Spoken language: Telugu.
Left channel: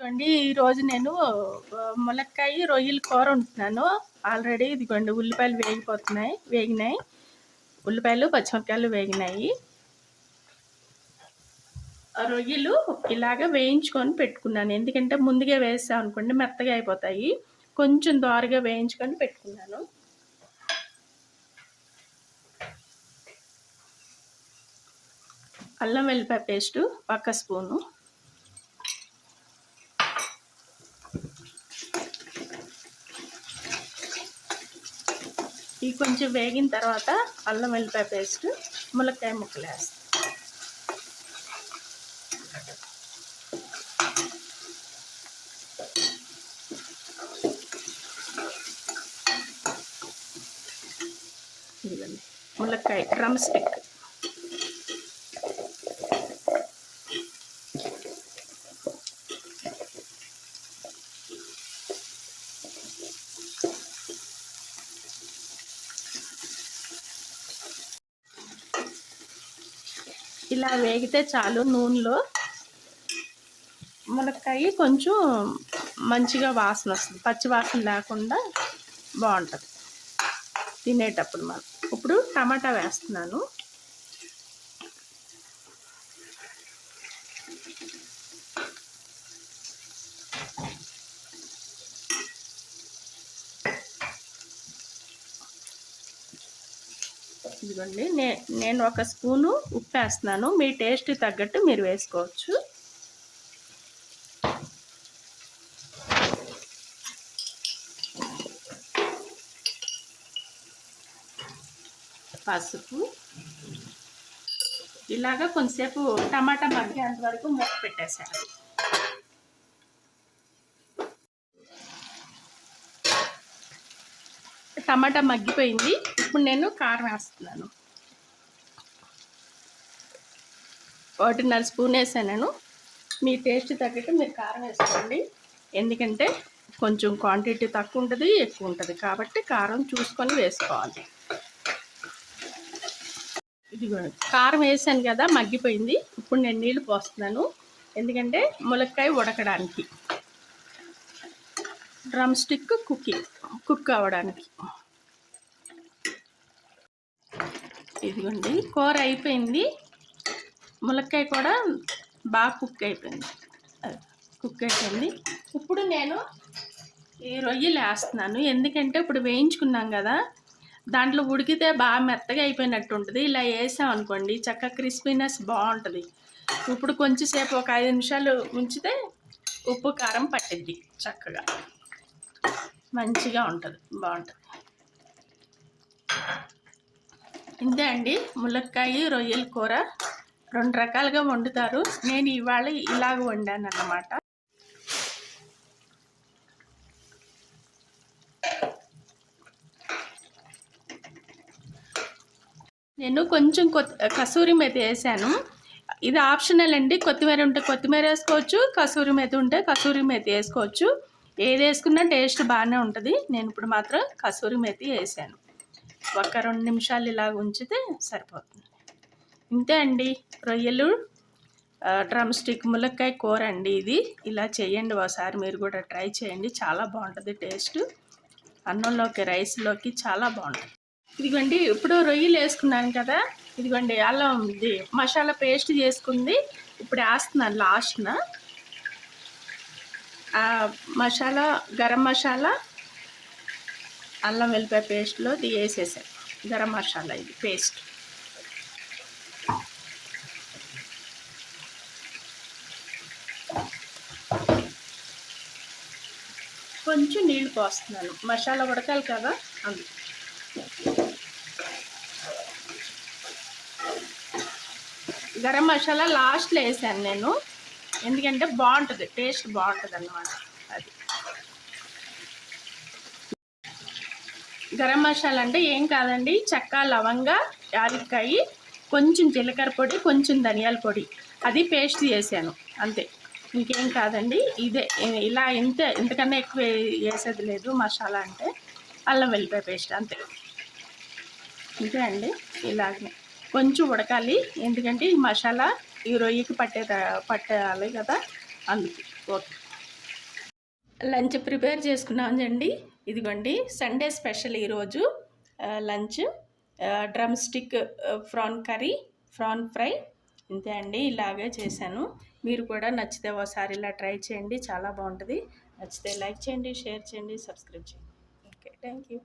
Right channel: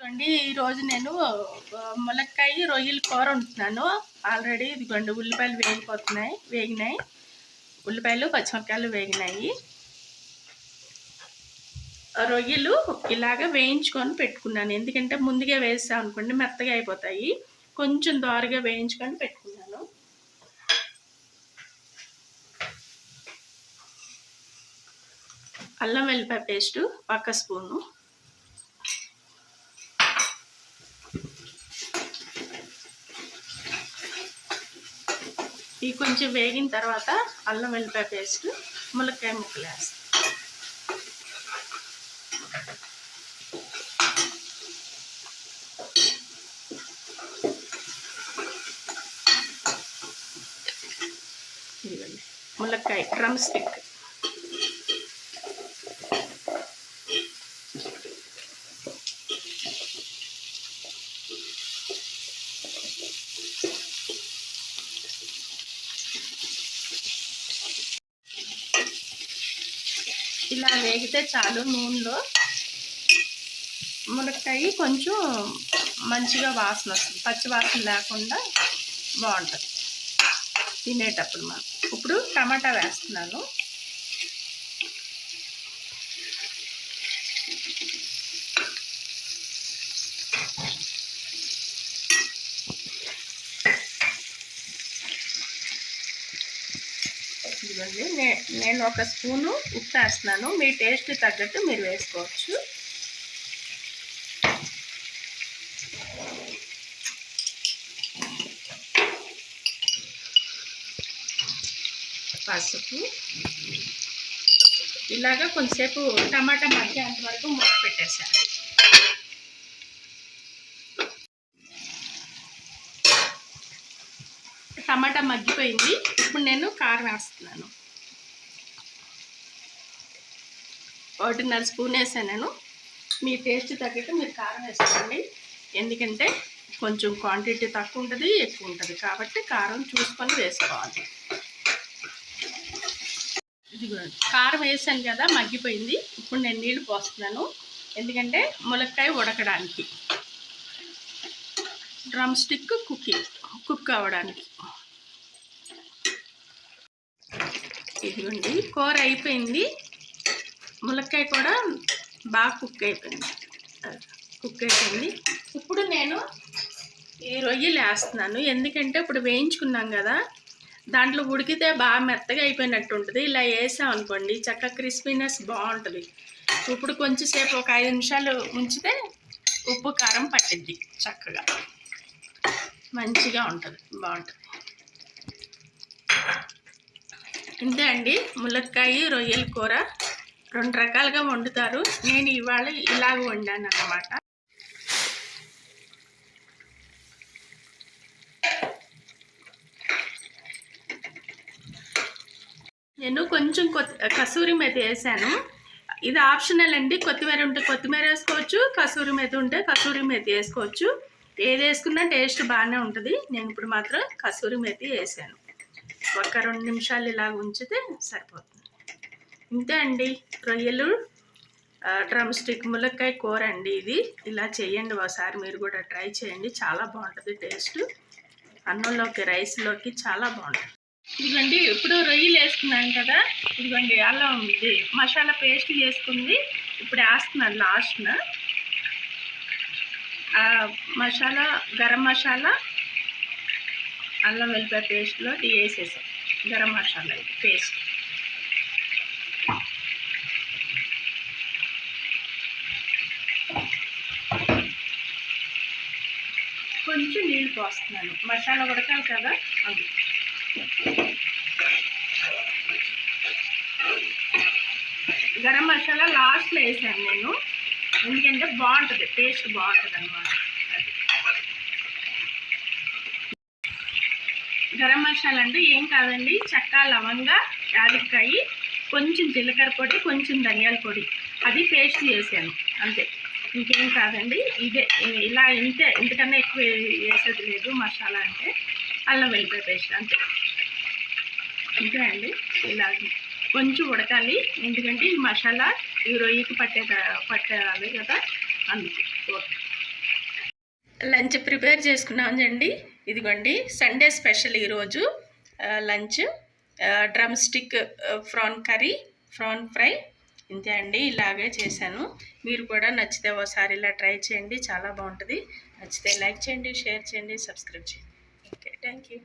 చూడండి, ఈరోజు నేను ములక్కాయ రొయ్యల కూర వండుతున్నాను. ఆల్రెడీ ఇదిగోండి ఉల్లిపాయలు వేగినాయి. ఉల్లిపాయలు పచ్చిమిరపకాయలు వేగినాయి. రొయ్యలు ఇలాగ వేయించుకొని పెట్టుకున్నాను. ఎందుకంటే ముందుగా వేసాం అనుకోండి మెత్తగా అయిపోతాయి. కొంచెం దోరగా వేయించుకొని పెట్టుకున్నాను. అల్లం వెల్లిపాయ పేస్టు 1 స్పూను, ఇవి కొంచెం వేగిన తర్వాత అల్లం వెల్లిపాయ పేస్ట్, ములక్కాయ ముక్కలు వేస్తాం. ఇదిగోండి ములక్కాయ డ్రమ్ స్టిక్, ఇలా వేగితే చాలు. నూనెలో ములక్కాయ కొంచెం మంచిగా వాసన వస్తుంది, పచ్చి వాసన లేకుండా బాగుంటుంది తినేటప్పుడు. మనం ఇప్పుడు టమాటా వేస్తున్నాను. ఇదిగోండి నేను 1 స్పూను ఉప్పు వేస్తున్నాను. మీ టేస్ట్ తగ్గట్టు మీరు వేసుకోవచ్చు. పసుపు. ఇలాగా కొంచెంసేపు టమాటా మగ్గేంత వరకు మూత పెట్టేసాను. టమాటా మగ్గిపోయింది. ఇప్పుడు నేను కారం వేస్తున్నాను. 1.5 స్పూన్ వేసాను. మీ టేస్ట్ తగ్గట్టు మీరు కారం వేసుకోండి. ఎందుకంటే కొంచెం క్వాంటిటీ తక్కువ ఉంటుంది, ఎక్కువ ఉంటుంది, కాబట్టి కారం చూసుకొని వేసుకోవాలి. ఇదిగో కారం వేసాను కదా, మగ్గిపోయింది. ఇప్పుడు నేను నీళ్ళు పోస్తున్నాను. ఎందుకంటే ములక్కాయ ఉడకడానికి, డ్రమ్ స్టిక్ కుక్ అవ్వడానికి. ఇదిగోండి కూర అయిపోయింది. ములక్కాయ కూడా బాగా కుక్ అయిపోయింది. ఇప్పుడు నేను ఈ రొయ్యలు వేస్తున్నాను. ఎందుకంటే ఇప్పుడు వేయించుకున్నాం కదా, దాంట్లో ఉడికితే బాగా మెత్తగా అయిపోయినట్టు ఉంటుంది. ఇలా వేసాం అనుకోండి చక్కగా క్రిస్పీనెస్ బాగుంటుంది. ఇప్పుడు కొంచెంసేపు ఒక 5 నిమిషాలు ఉంచితే ఉప్పు కారం పట్టిద్ది, చక్కగా మంచిగా ఉంటుంది, బాగుంటుంది. ఇంతే అండి, ములక్కాయ రొయ్యల కూర 2 రకాలుగా వండుతారు. నేను ఇవాళ ఇలాగ వండాను అన్నమాట. నేను కొంచెం కసూరి మేతి వేసాను. ఇది ఆప్షనల్ అండి. కొత్తిమీర ఉంటే కొత్తిమీర వేసుకోవచ్చు, కసూరి మేతి ఉంటే కసూరి మేతి వేసుకోవచ్చు. ఏది వేసుకున్నా టేస్ట్ బాగానే ఉంటుంది. నేను ఇప్పుడు మాత్రం కసూరి మేతి వేసాను. ఒక 2 నిమిషాలు ఇలా ఉంచితే సరిపోతుంది. ఇంతే అండి, రొయ్యలు డ్రమ్ స్టిక్ ములక్కాయ కూర అండి. ఇది ఇలా చేయండి ఒకసారి, మీరు కూడా ట్రై చేయండి. చాలా బాగుంటుంది టేస్ట్. అన్నంలోకి, రైస్లోకి చాలా బాగుంటుంది. ఇదిగోండి ఇప్పుడు రొయ్యలు వేసుకున్నాను కదా, ఇదిగోండి అల్లం ఇది మసాలా పేస్ట్ చేసుకుంది. ఇప్పుడు వేస్తున్నాను లాస్ట్న. మసాలా, గరం మసాలా, అల్లం వెల్లిపాయ పేస్ట్లో ఇది వేసేసాను. గరం మసాలా ఇది పేస్ట్. కొంచెం నీళ్ళు పోస్తున్నాను, మసాలా ఉడకాలి కదా అది. గరం మసాలా లాస్ట్లో వేసాను నేను, ఎందుకంటే బాగుంటుంది, టేస్ట్ బాగుంటుంది అన్నమాట. అది గరం మసాలా అంటే ఏం కాదండి, చెక్క, లవంగ, యాలక్కాయ, కొంచెం జీలకర్ర పొడి, కొంచెం ధనియాల పొడి, అది పేస్ట్ చేశాను అంతే. ఇంకేం కాదండి, ఇదే ఇలా ఇంతే, ఇంతకన్నా ఎక్కువ వేసేది లేదు. మసాలా అంటే అల్లం వెల్లిపాయ పేస్ట్ అంతే. ఇంతే అండి. ఇలాగే కొంచెం ఉడకాలి, ఎందుకంటే ఈ మసాలా ఈ రొయ్యకి పట్టాలి కదా, అందుకు. ఓకే. లంచ్ ప్రిపేర్ చేసుకున్నామండి. ఇదిగోండి సండే స్పెషల్ ఈరోజు lunch drum stick prawn curry, prawn fry. ఇంతే అండి, ఇలాగే చేశాను. మీరు కూడా నచ్చితే ఒకసారి ఇలా ట్రై చేయండి, చాలా బాగుంటుంది. నచ్చితే లైక్ చేయండి, షేర్ చేయండి, సబ్స్క్రైబ్ చేయండి. Okay, thank you.